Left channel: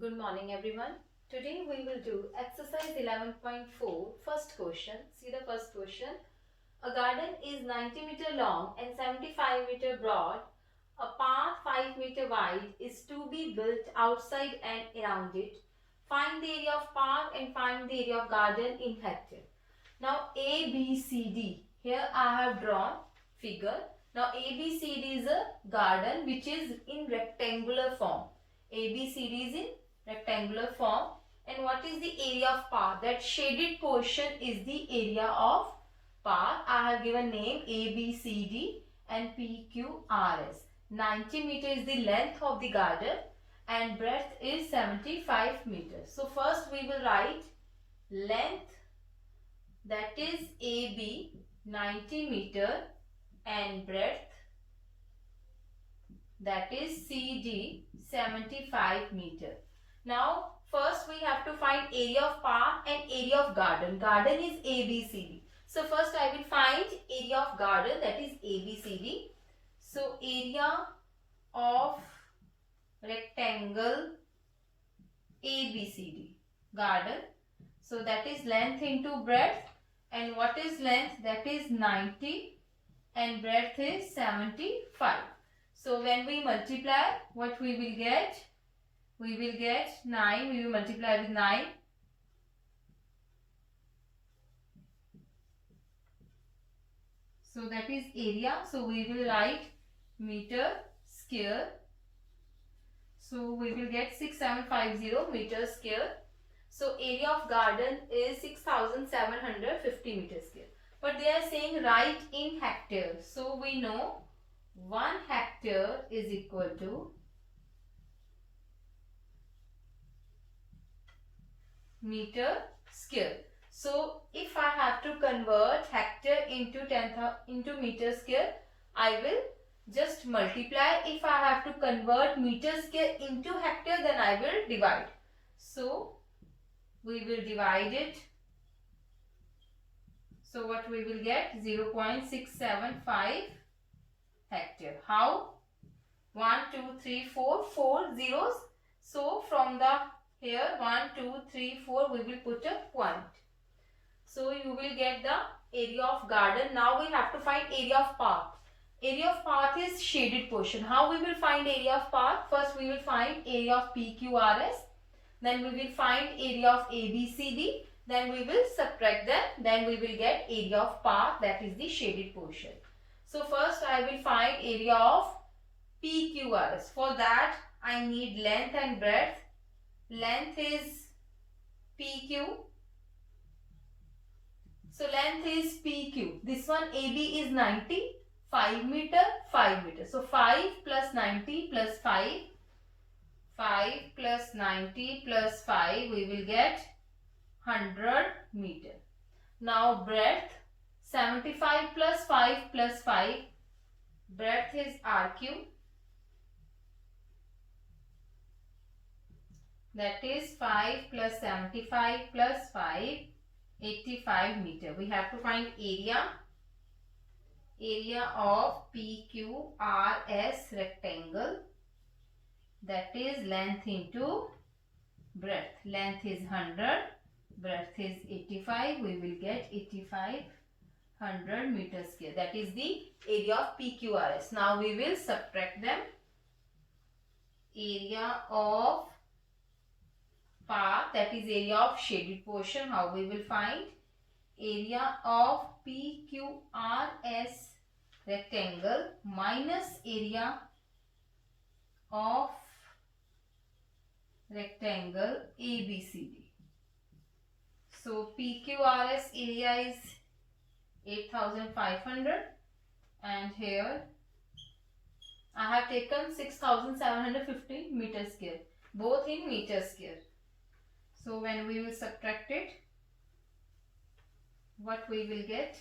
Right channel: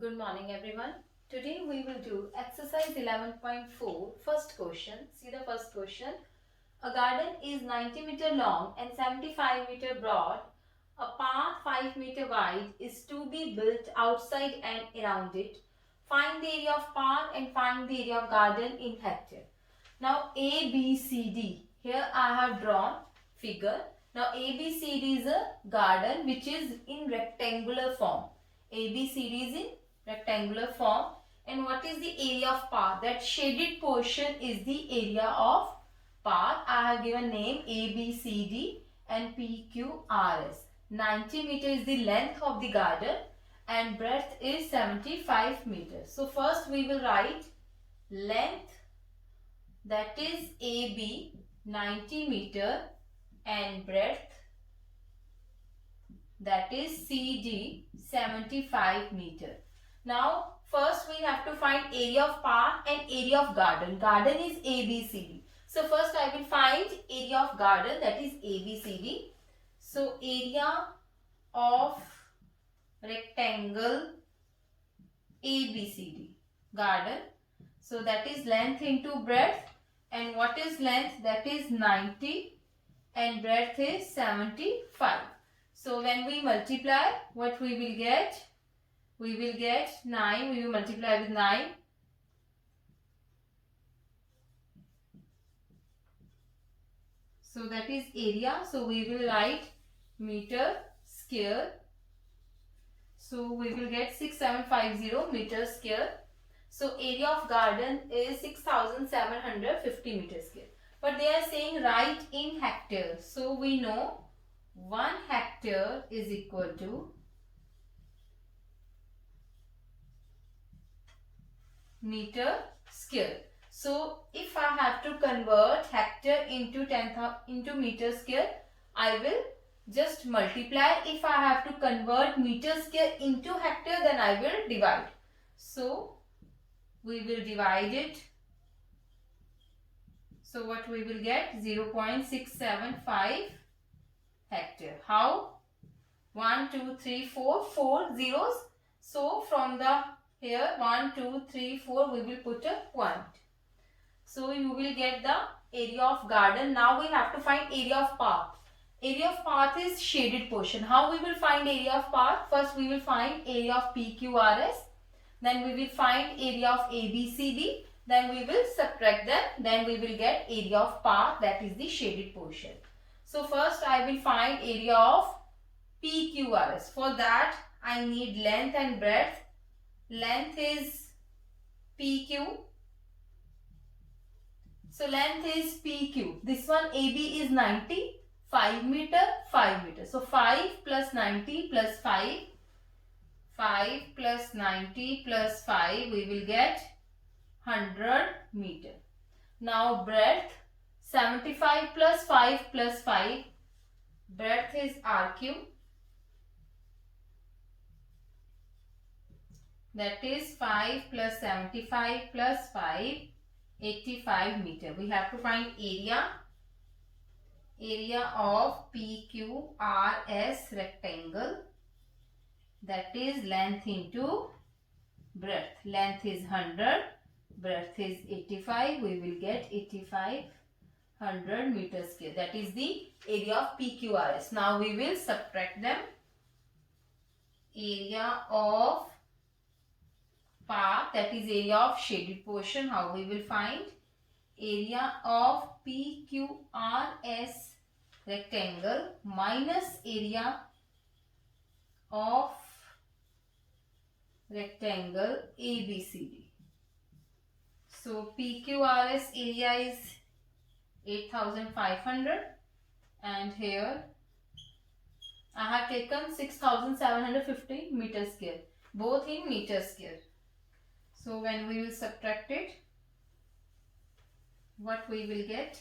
Good morning everyone. Today we will do exercise 11.4 first question. See the first question. A garden is 90 meter long and 75 meter broad. A path 5 meter wide is to be built outside and around it. Find the area of path and find the area of garden in hectare. Now A, B, C, D. Here I have drawn figure. Now A, B, C, D is a garden which is in rectangular form. A, B, C, D is in rectangular form. And what is the area of path? That shaded portion is the area of path. I have given name A, B, C, D and P, Q, R, S. 90 meter is the length of the garden and breadth is 75 meters. So first we will write length, that is AB 90 meter and breadth, that is CD 75 meter. Now first we have to find area of path and area of garden. Garden is ABCD. So first I will find area of garden, that is ABCD. So area of rectangle ABCD garden. So that is length into breadth. And what is length? That is 90 and breadth is 75. So when we multiply, what we will get? We will get 9. We will multiply with 9. So that is area. So we will write meter square. So we will get 6750 meter square. So area of garden is 6750 meters square. But they are saying write in hectare. So we know 1 hectare is equal to meter square. So if I have to convert hectare into meter square, I will just multiply. If I have to convert meter square into hectare, then I will divide. So we will divide it. So what we will get? 0.675 hectare. How? 1, 2, 3, 4, 4 zeros. So from the here 1, 2, 3, 4 we will put a point. So you will get the area of garden. Now we have to find area of path. Area of path is shaded portion. How we will find area of path? First we will find area of PQRS. Then we will find area of ABCD. Then we will subtract them. Then we will get area of path, that is the shaded portion. So first I will find area of PQRS. For that I need length and breadth. Length is PQ. So length is PQ. This one AB is 90. 5 meter, 5 meter. So 5 plus 90 plus 5. 5 plus 90 plus 5, we will get 100 meter. Now breadth, 75 plus 5 plus 5. Breadth is RQ. That is 5 plus 75 plus 5, 85 meter. We have to find area. Area of PQRS rectangle. That is length into breadth. Length is 100. Breadth is 85. We will get 85 100 meter square. That is the area of PQRS. Now we will subtract them. Area of path, that is area of shaded portion. How we will find? Area of PQRS rectangle minus area of rectangle ABCD. So PQRS area is 8500 and here I have taken 6750 meter square, both in meter square. So when we will subtract it, what we will get?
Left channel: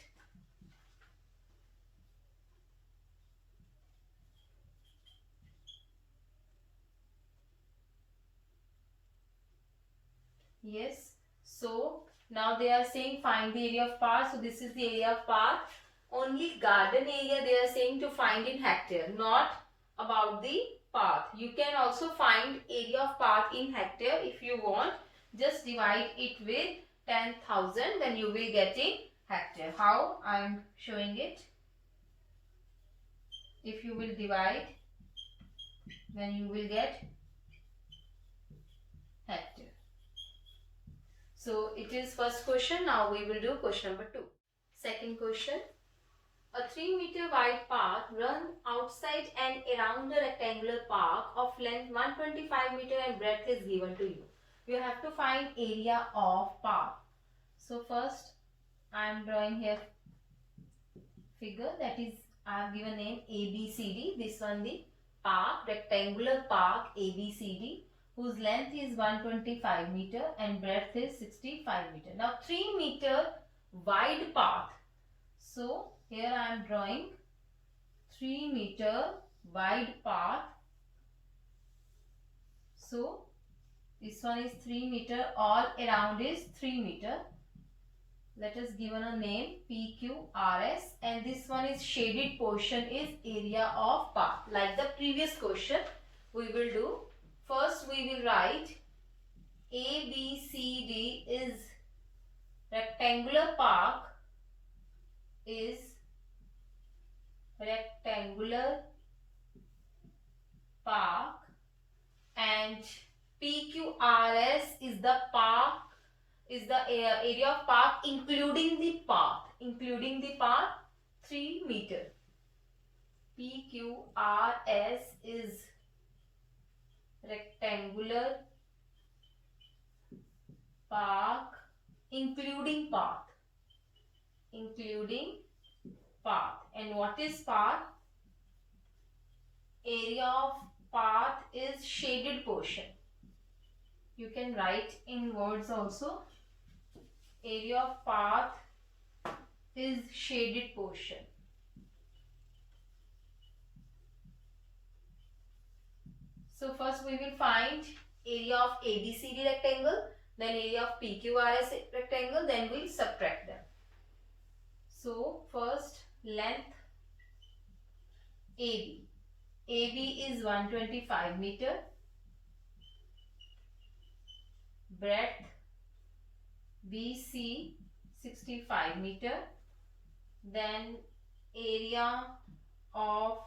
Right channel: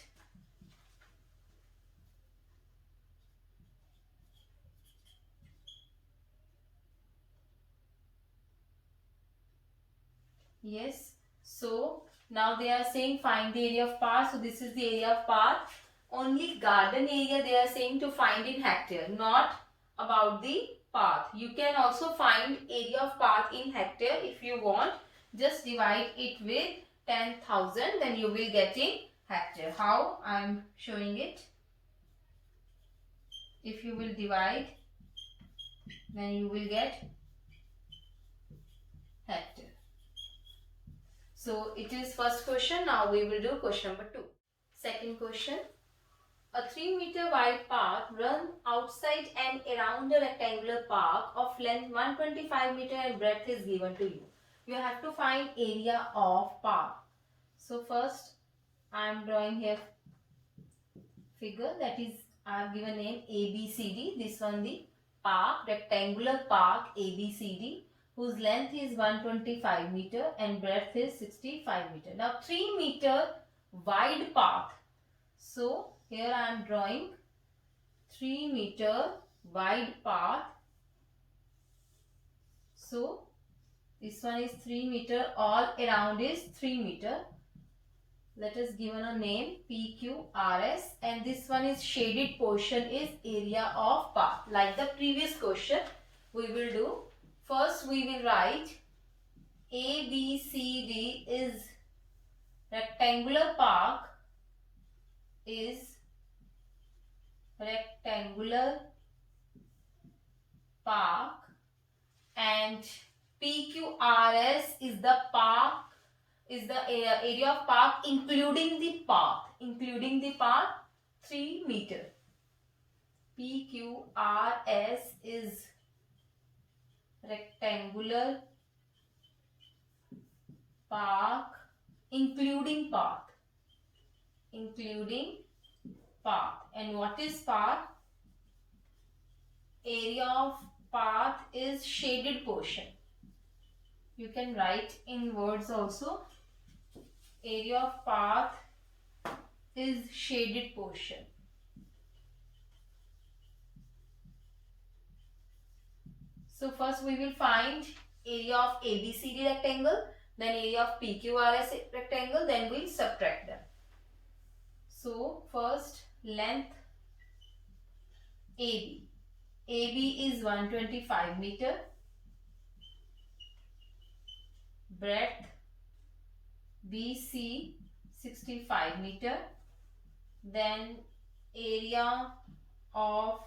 Yes. So now they are saying find the area of path. So this is the area of path. Only garden area they are saying to find in hectare, not about the path. You can also find area of path in hectare if you want. Just divide it with 10,000, then you will get in hectare. How? I am showing it. If you will divide, then you will get hectare. So it is first question. Now we will do question number 2. Second question. A 3-meter wide path runs outside and around a rectangular park of length 125 meter and breadth is given to you. You have to find area of park. So first I am drawing here figure, that is I have given name ABCD. This one the park, rectangular park ABCD, whose length is 125 meter and breadth is 65 meter. Now 3 meter wide path. So here I am drawing 3 meter wide path. So this one is 3 meter, all around is 3 meter. Let us give a name PQRS, and this one is shaded portion is area of path. Like the previous question we will do. First we will write ABCD is rectangular park, is rectangular park, and PQRS is the park, is the area of park including the path, 3 meter. PQRS is rectangular park including path, and what is path? Area of path is shaded portion. You can write in words also. Area of path is shaded portion. So first we will find area of ABCD rectangle, then area of PQRS rectangle, then we will subtract them. So first length AB. AB is 125 meter. Breadth BC 65 meter. Then area of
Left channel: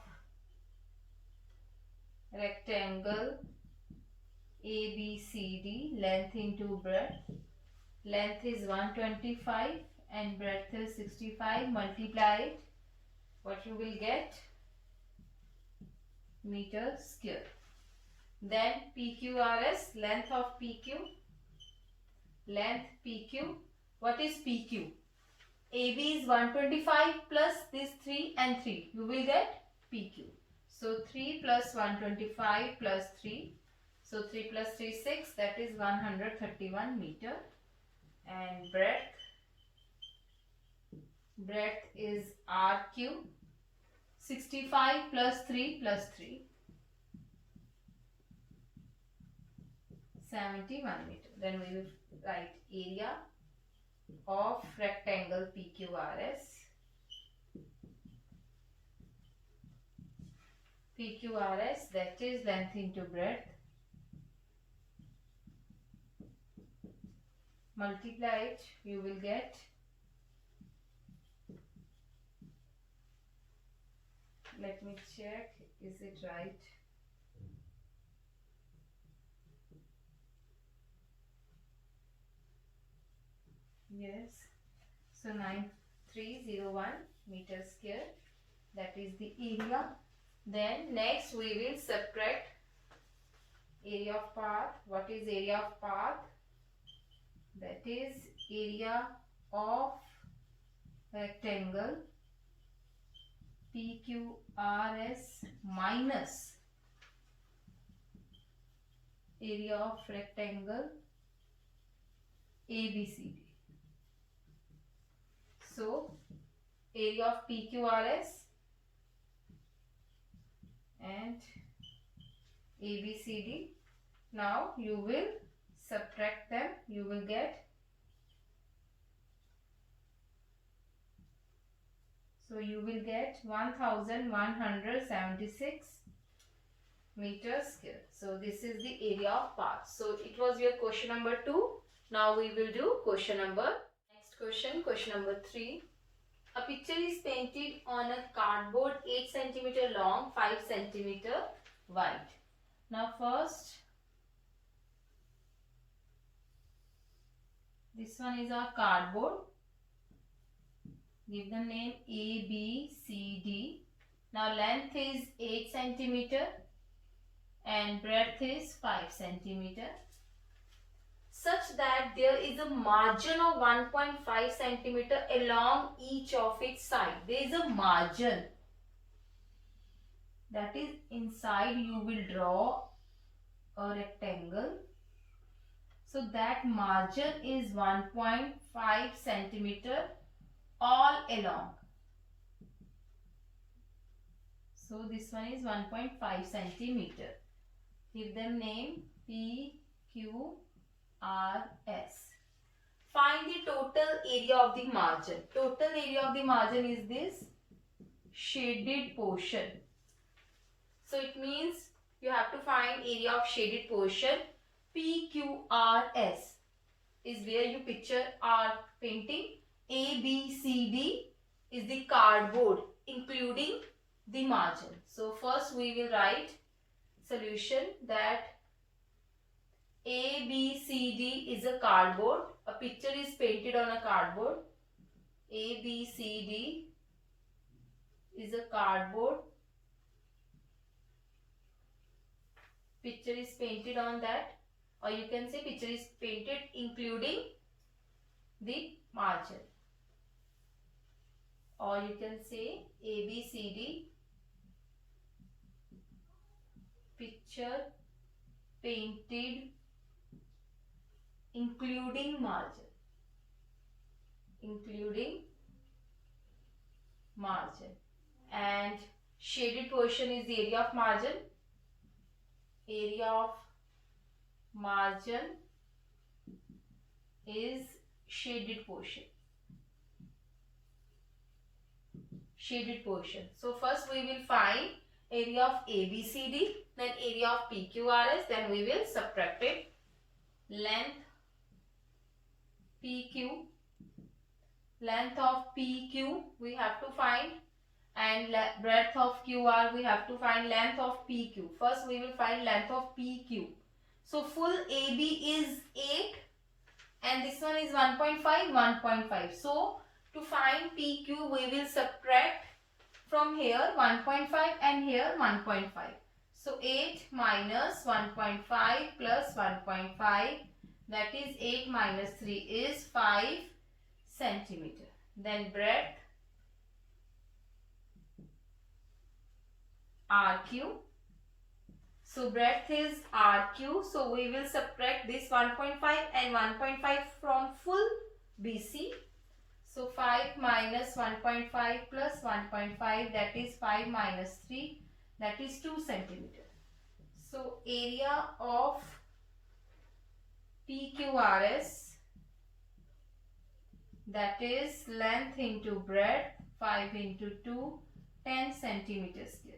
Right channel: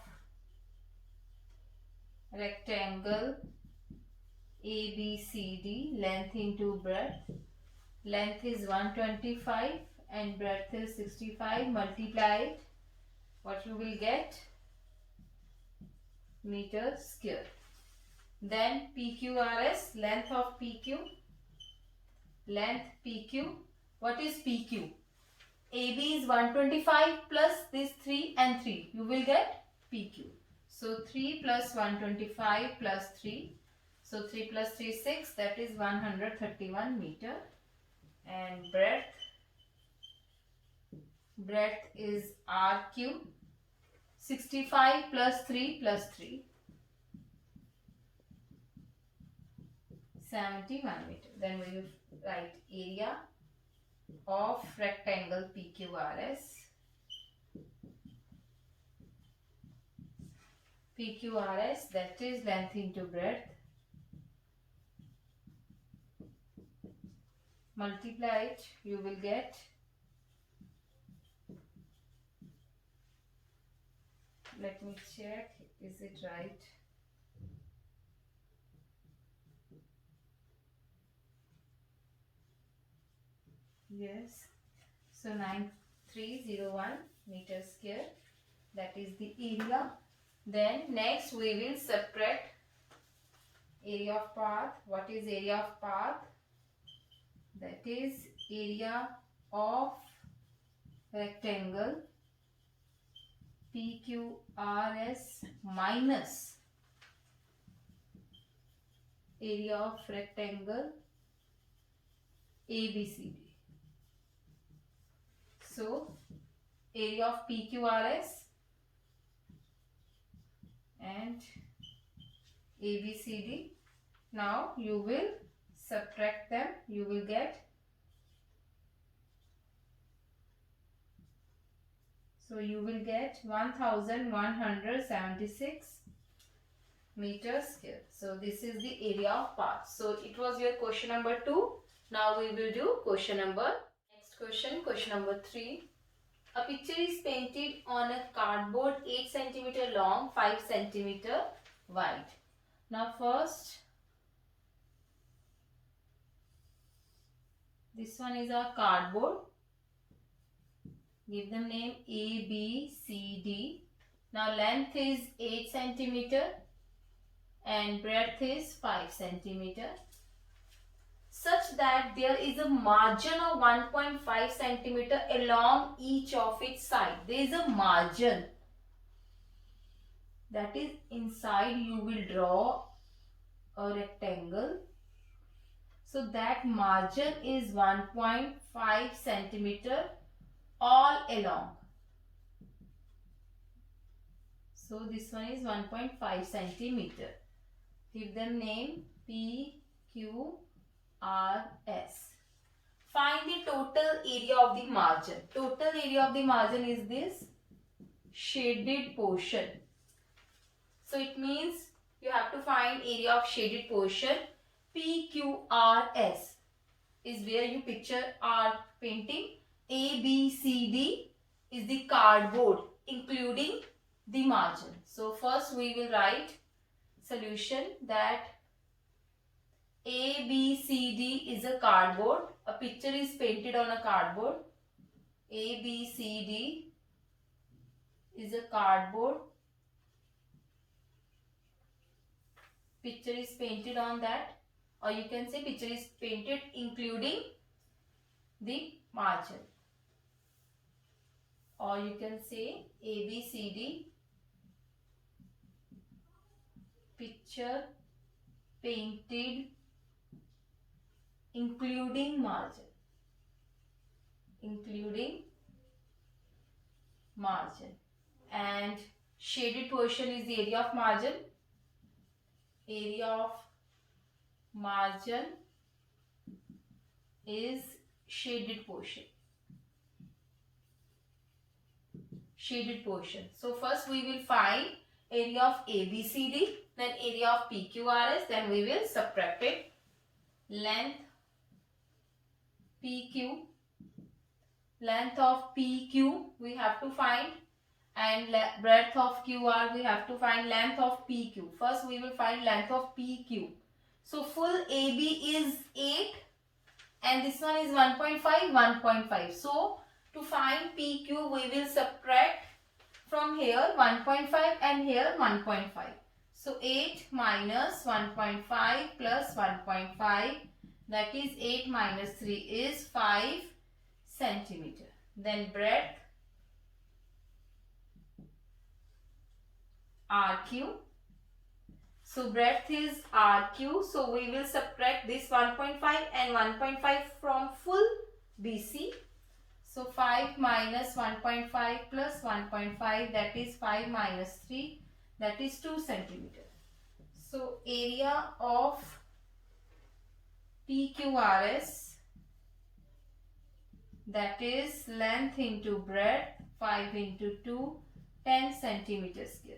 rectangle ABCD, length into breadth. Length is 125 and breadth is 65. Multiply it. What you will get? Meter square. Then PQRS, length of PQ. Length PQ. What is PQ? AB is 125 plus this 3 and 3. You will get PQ. So 3 plus 125 plus 3. So 3 plus 3 6. That is 131 meter. And breadth is RQ. 65 plus 3 plus 3. 71 meter. Then we will write area of rectangle PQRS. PQRS, that is length into breadth. Multiply it, you will get let me check, is it right? Yes. So 9301 meter square, that is the area. Then next we will subtract area of path. What is area of path? That is area of rectangle PQRS minus area of rectangle ABCD. So area of PQRS and ABCD. Now you will subtract them. You will get, so you will get 1176 meter square. So this is the area of parts. So it was your question number 2. Now we will do question number. Next question number 3. A picture is painted on a cardboard 8 centimeter long, 5 centimeter wide. Now first, this one is our cardboard. Give them name A, B, C, D. Now length is 8 centimeter and breadth is 5 centimeter. Such that there is a margin of 1.5 centimeter along each of its side. There is a margin. That is, inside you will draw a rectangle. So that margin is 1.5 centimeter all along. So this one is 1.5 centimeter. Give them name P, Q, R, S. Find the total area of the margin. Total area of the margin is this shaded portion. So it means you have to find area of shaded portion. PQRS is where you picture are painting. A, B, C, D is the cardboard including the margin. So first we will write solution that A, B, C, D is a cardboard. A picture is painted on a cardboard. A, B, C, D is a cardboard. Picture is painted on that, or you can say picture is painted including the margin, or you can say A, B, C, D picture painted including margin, and shaded portion is the area of margin. Area of margin is shaded portion. So first we will find area of ABCD, then area of PQRS, then we will subtract it. Length PQ, length of PQ we have to find, and breadth of QR we have to find length of PQ. First we will find length of PQ. So full AB is 8 and this one is 1.5. So to find PQ we will subtract from here 1.5 and here 1.5. So 8 minus 1.5 plus 1.5, that is 8 minus 3 is 5 centimeter. Then breadth RQ. So breadth is RQ. So we will subtract this 1.5 and 1.5 from full BC. So 5 minus 1.5 plus 1.5, that is 5 minus 3, that is 2 centimeter. So area of PQRS, that is length into breadth, 5 into 2, 10 centimeter square.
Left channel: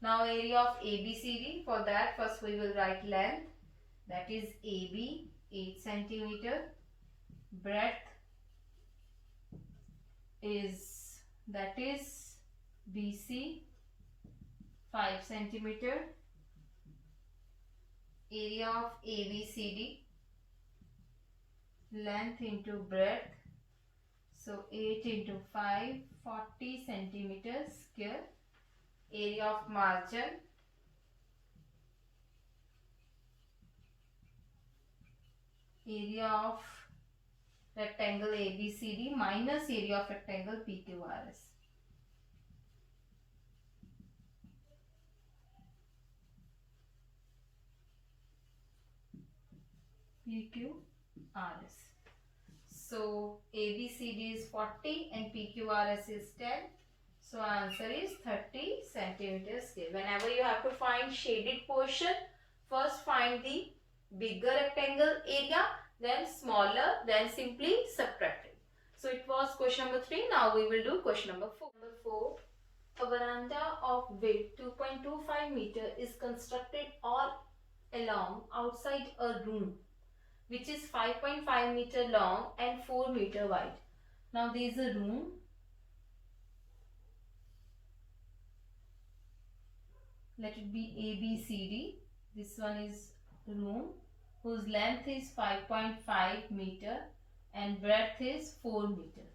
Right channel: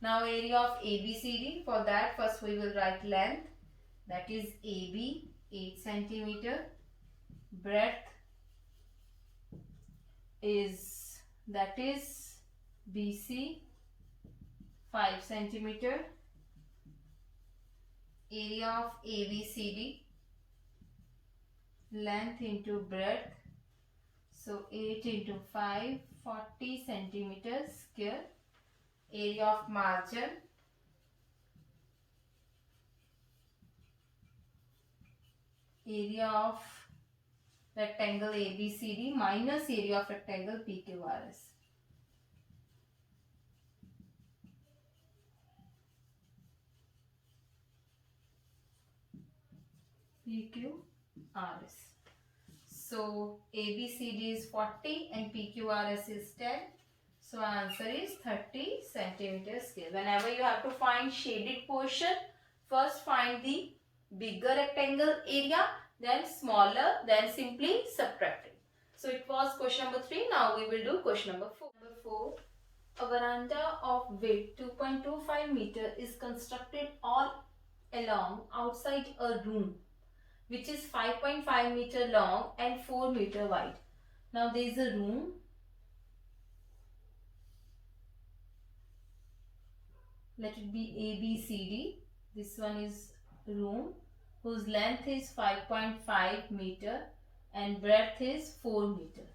Now area of ABCD, for that first we will write length, that is AB 8 centimeter, breadth is, that is BC 5 centimeter, area of ABCD, length into breadth, so 8 into 5, 40 centimeters square. Area of margin, area of rectangle ABCD minus area of rectangle PQRS. PQRS. So ABCD is 40 and PQRS is 10. So answer is 30 centimeters square. Whenever you have to find shaded portion, first find the bigger rectangle area, then smaller, then simply subtract it. So it was question number 3. Now we will do question number 4. A veranda of width 2.25 meter is constructed all along outside a room which is 5.5 meter long and 4 meter wide. Now there is a room. Let it be A, B, C, D. This one is room whose length is 5.5 meter and breadth is 4 meter.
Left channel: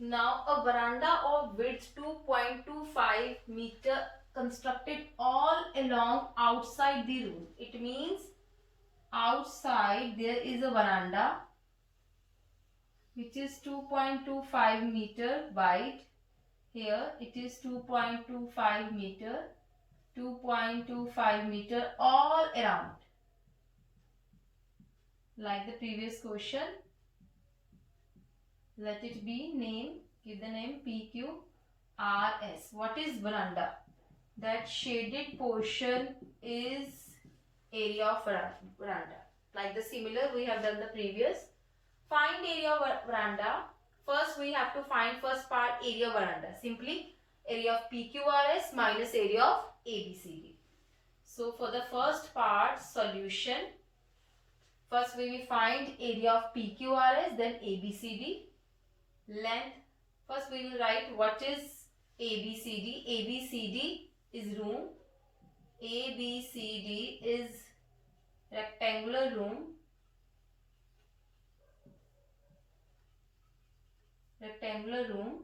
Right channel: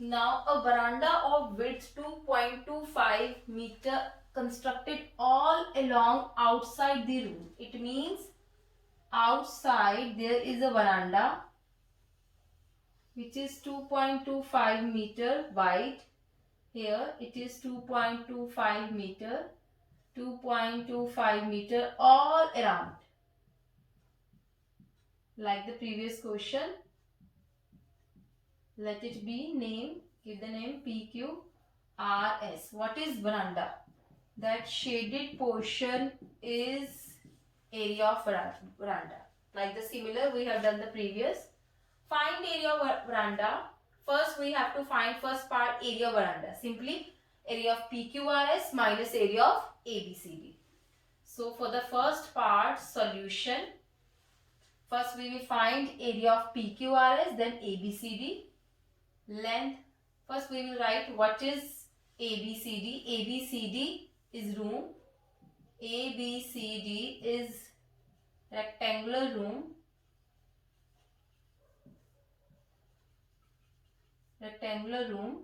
Now a veranda of width 2.25 meter constructed all along outside the room. It means outside there is a veranda which is 2.25 meter wide. Here it is 2.25 meter, 2.25 meter all around. Like the previous question, let it be name, give the name PQRS. What is veranda? That shaded portion is area of veranda. Like the similar we have done the previous. Find area of veranda. First we have to find first part area of veranda. Simply area of PQRS minus area of ABCD. So for the first part solution, first we will find area of PQRS, then ABCD. Length, first we will write what is ABCD. ABCD is room. ABCD is rectangular room. Rectangular room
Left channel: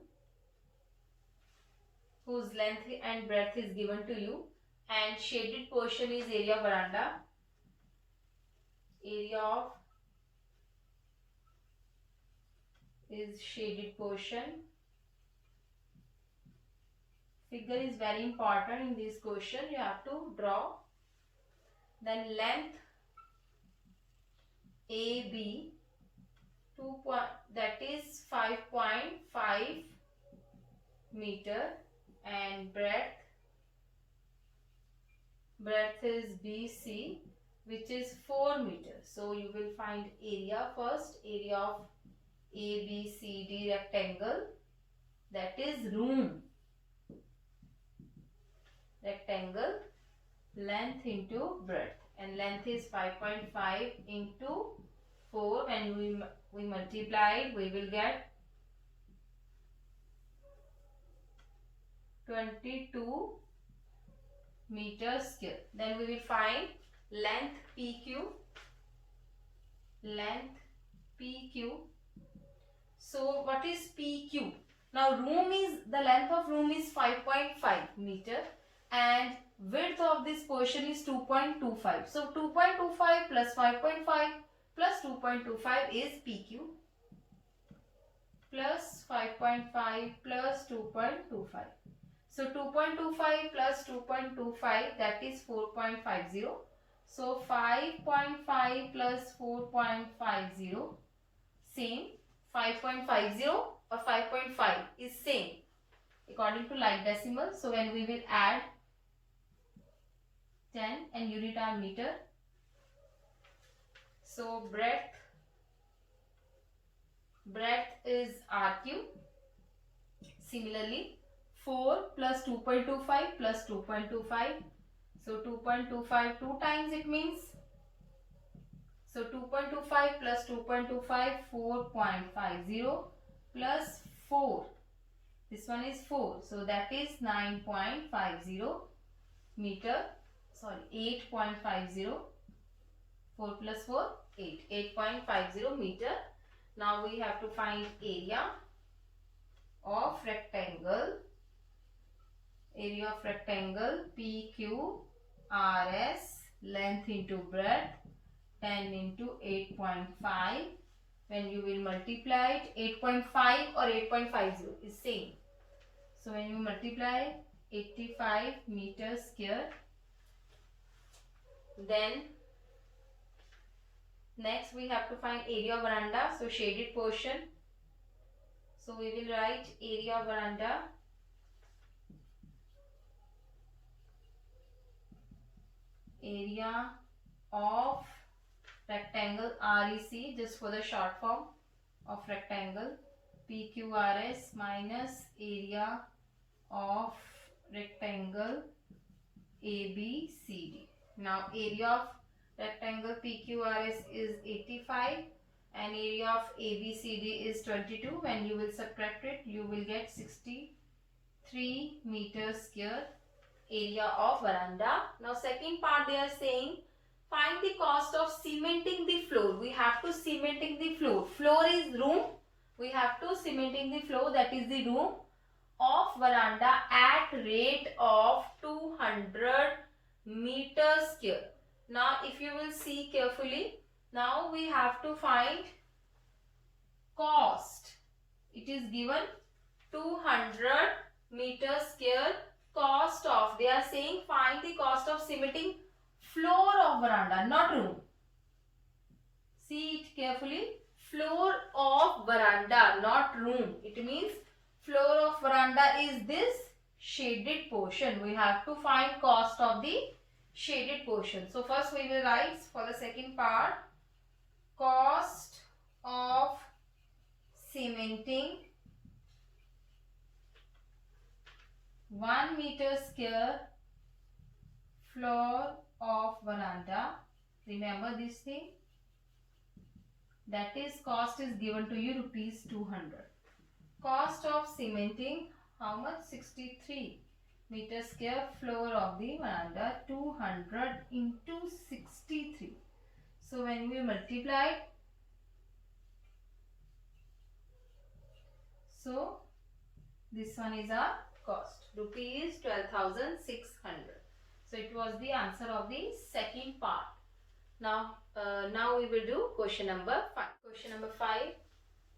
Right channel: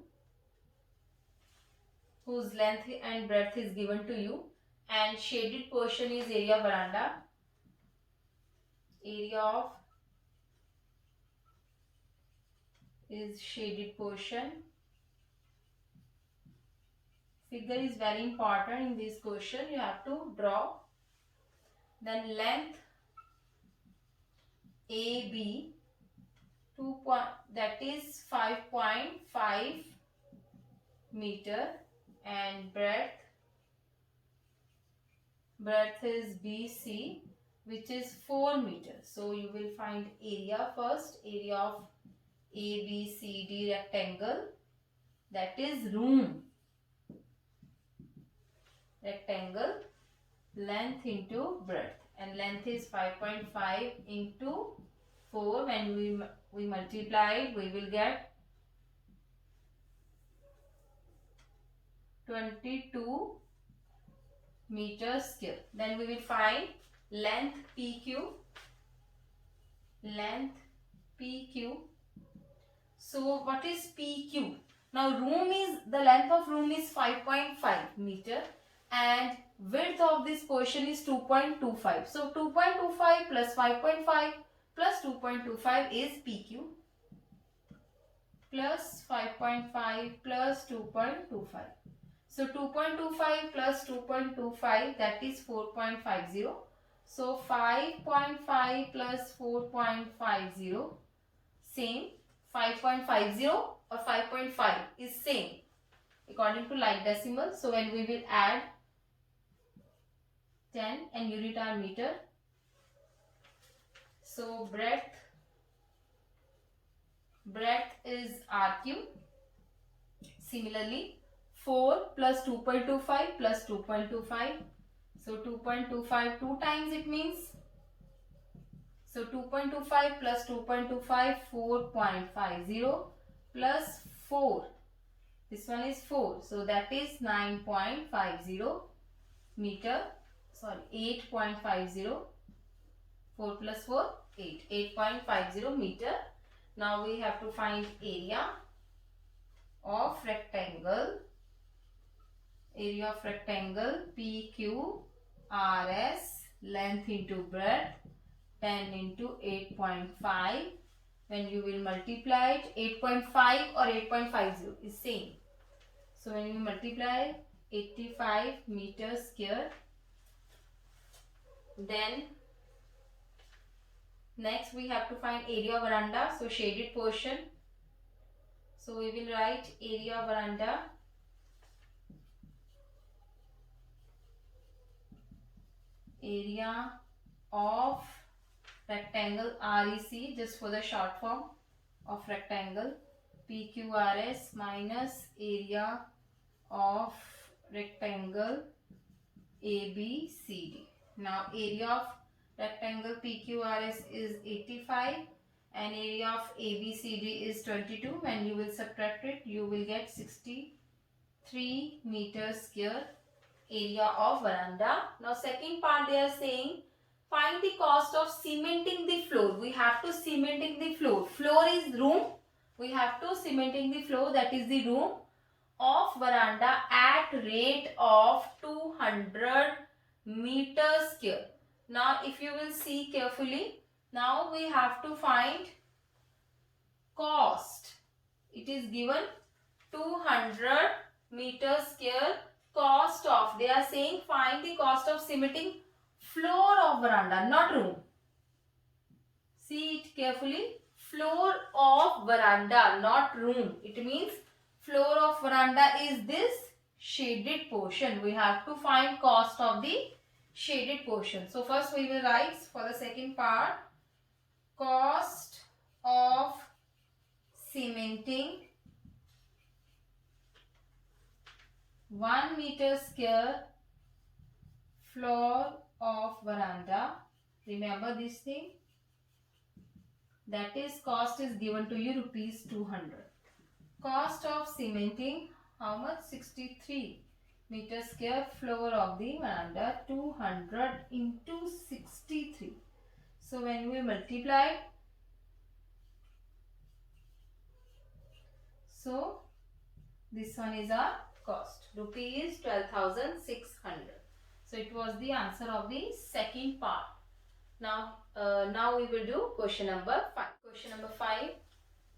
whose length and breadth is given to you, and shaded portion is area of veranda. Area of is shaded portion. Figure is very important in this question. You have to draw. Then length AB that is 5.5 meter and breadth is BC which is 4 meter. So you will find area first. Area of ABCD rectangle, that is room. Rectangle, length into breadth, and length is 5.5 into 4. When we multiply it, we will get 22 meters square. Then we will find length PQ. Length PQ. So what is PQ? Now room is, the length of room is 5.5 meter and width of this portion is 2.25. So 2.25 plus 5.5 plus 2.25 is PQ, plus 5.5 plus 2.25. So 2.25 plus 2.25, that is 4.50. So 5.5 plus 4.50 same. 5.50 or 5.5 is same according to like decimal. So when we will add 10 and unit are meter. So breadth is RQ. Similarly 4 plus 2.25 plus 2.25. So 2.25 2 times it means. So 2.25 plus 2.25, 4.50 plus 4. This one is 4. So that is 9.50 meter. Sorry, 8.50. 4 plus 4, 8. 8.50 meter. Now we have to find area of rectangle. Area of rectangle PQRS, length into breadth, 10 into 8.5. When you will multiply it, 8.5 or 8.50 is same. So when you multiply 85 meters square. Then next we have to find area of veranda. So shaded portion. So we will write area of veranda. Area of rectangle REC, just for the short form of rectangle, PQRS minus area of rectangle ABCD. Now area of rectangle PQRS is 85 and area of ABCD is 22. When you will subtract it, you will get 63 meters square area of veranda. Now second part they are saying find the cost of cementing the floor. We have to cementing the floor. Floor is room. We have to cementing the floor, that is the room of veranda at rate of 200 meters square. Now if you will see carefully, now we have to find cost. It is given 200 meters square cost of, they are saying find the cost of cementing floor of veranda, not room. See it carefully, floor of veranda, not room. It means floor of veranda is this shaded portion. We have to find cost of the shaded portion. So first we will write for the second part, cost of cementing 1 meter square floor of veranda. Remember this thing, that is cost is given to you rupees 200. Cost of cementing, how much? 63 meter square floor of the veranda, 200 into 63. So when we multiply, so this one is our cost, rupees 12,600. So it was the answer of the second part. Now we will do question number 5. Question number 5.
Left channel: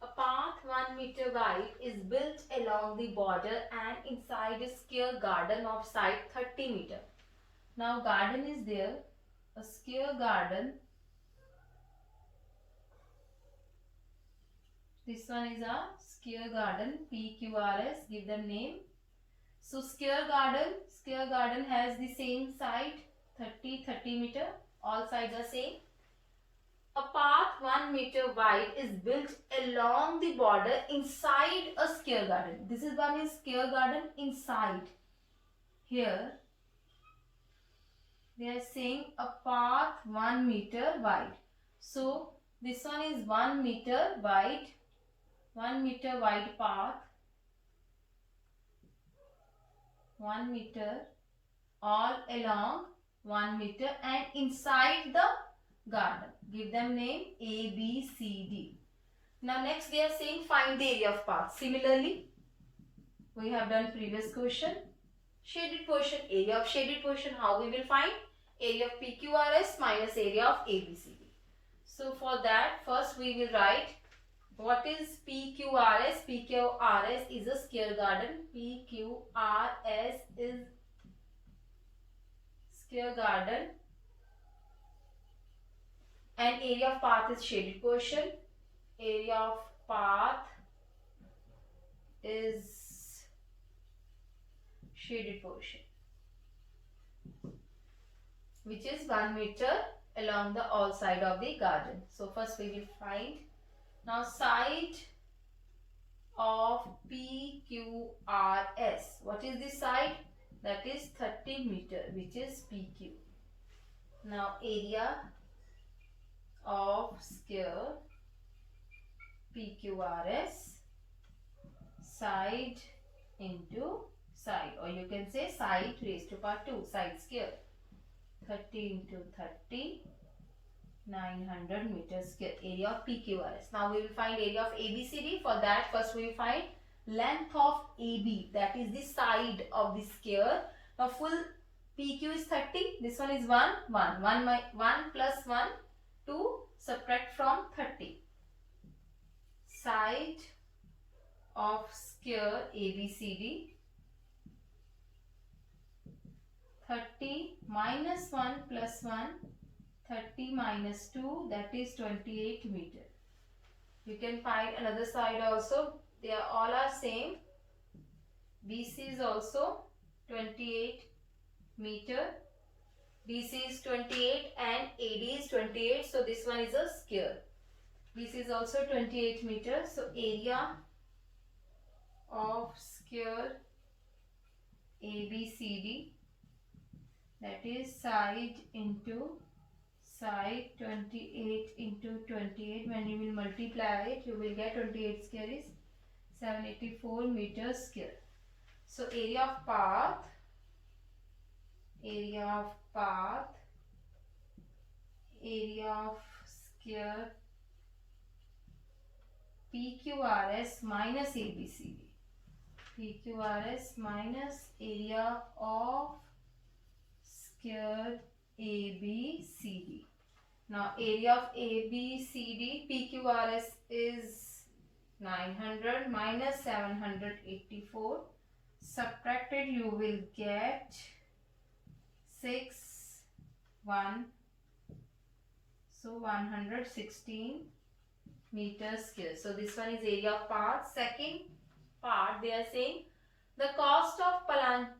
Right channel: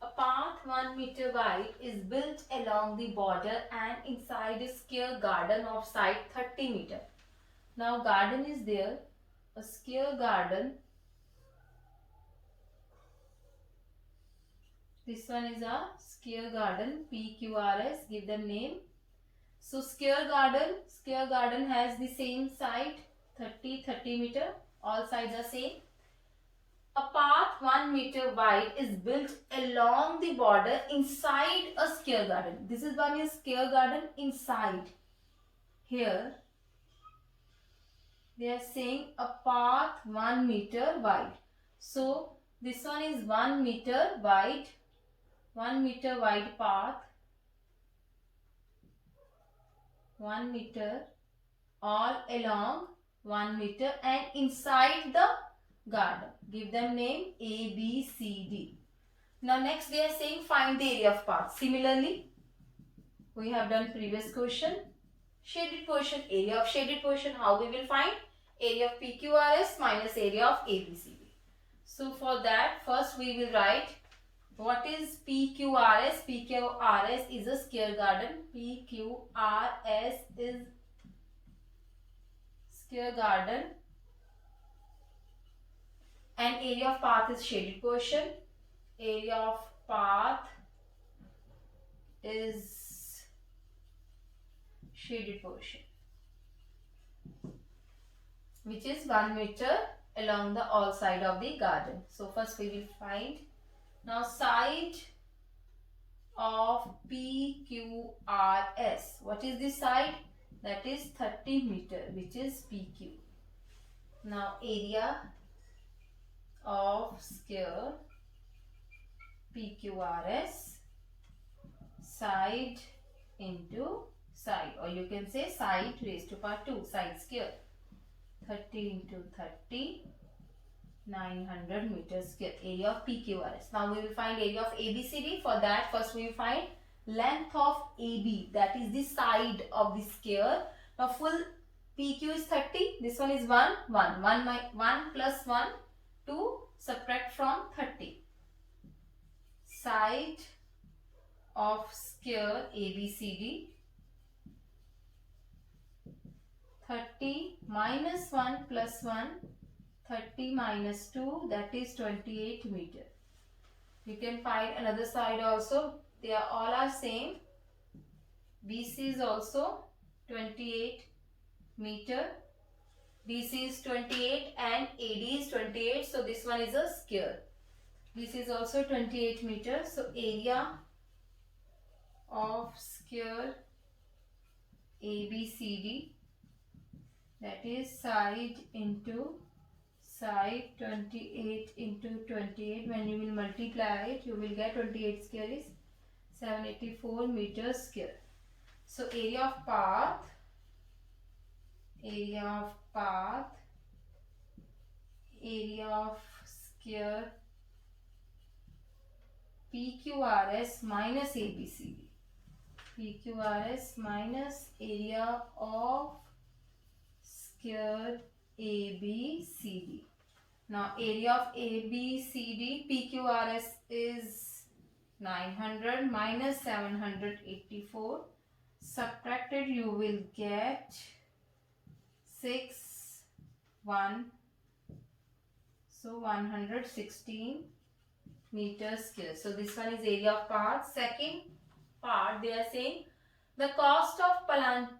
A path 1 meter wide is built along the border and inside a square garden of side 30 meter. Now garden is there, a square garden. This one is a square garden, PQRS, give them name. So square garden has the same side, 30 meter, all sides are same. A path 1 meter wide is built along the border inside a square garden. This is one is square garden inside. Here they are saying a path 1 meter wide. So this one is 1 meter wide, 1 meter wide path, 1 meter all along 1 meter and inside the garden. Give them name A, B, C, D. Now next they are saying find the area of path. Similarly, we have done previous question. Shaded portion, area of shaded portion, how we will find? Area of PQRS minus area of ABCD. So for that, first we will write what is PQRS. PQRS is a square garden. PQRS is square garden. And area of path is shaded portion. Area of path is shaded portion, which is 1 meter along the all side of the garden. So first we will find. Now side of PQRS. What is this side? That is 30 meter, which is PQ. Now area of square PQRS, side into side, or you can say side raised to power 2, side square. 30 into 30, 900 meters square, area of PQRS. Now we will find area of ABCD. For that, first we will find length of AB, that is the side of the square. Now full PQ is 30, this one is 1 plus 1, 2, subtract from 30. Side of square ABCD, 30 minus 1 plus 1, 30 minus 2, that is 28 meter. You can find another side also. They are all are same. BC is also 28 meter. BC is 28 and AD is 28. So this one is a square. BC is also 28 meter. So area of square ABCD, that is side into side, 28 into 28. When you will multiply it, you will get 28 square is 784 meters square. So area of path area of square PQRS minus ABCD. PQRS minus area of square ABCD. Now area of ABCD, PQRS is 900 minus 784. Subtracted, you will get 6, 1. So 116 meters square. So this one is area of path. Second part, they are saying the cost of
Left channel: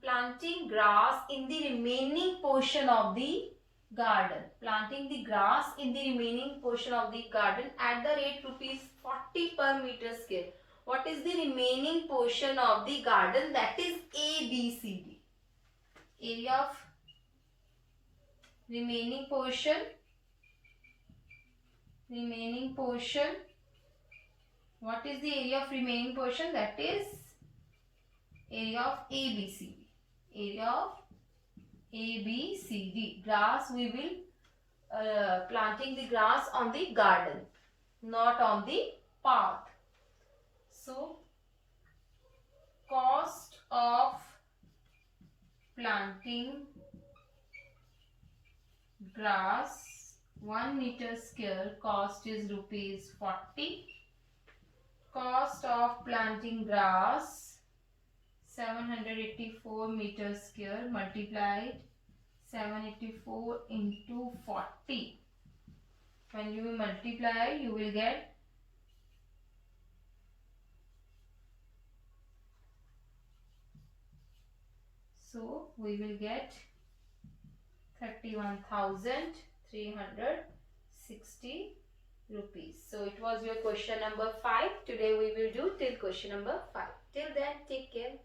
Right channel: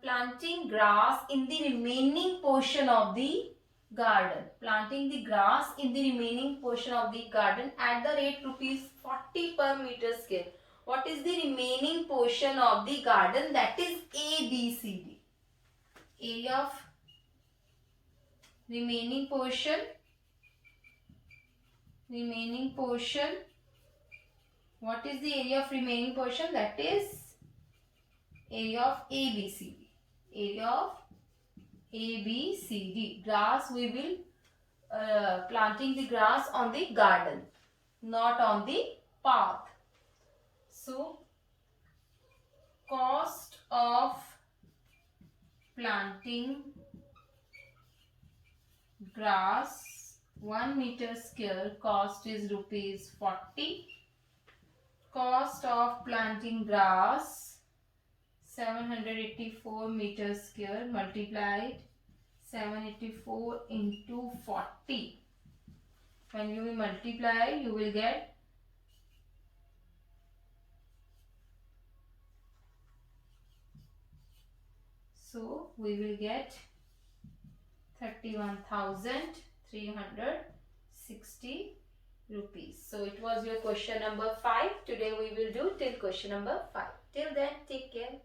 planting grass in the remaining portion of the garden. Planting the grass in the remaining portion of the garden at the rate ₹40 per meter square. What is the remaining portion of the garden? That is ABCD. Area of remaining portion. What is the area of remaining portion? That is area of ABCD. Area of ABCD. Grass, we will planting the grass on the garden, not on the path. So cost of planting grass 1 meter square, cost is ₹40. Cost of planting grass 784 meters square, multiplied 784 into 40. When you will multiply, you will get we will get 31,360 rupees. So it was your question number 5. Today we will do till question number 5. Till then, take care.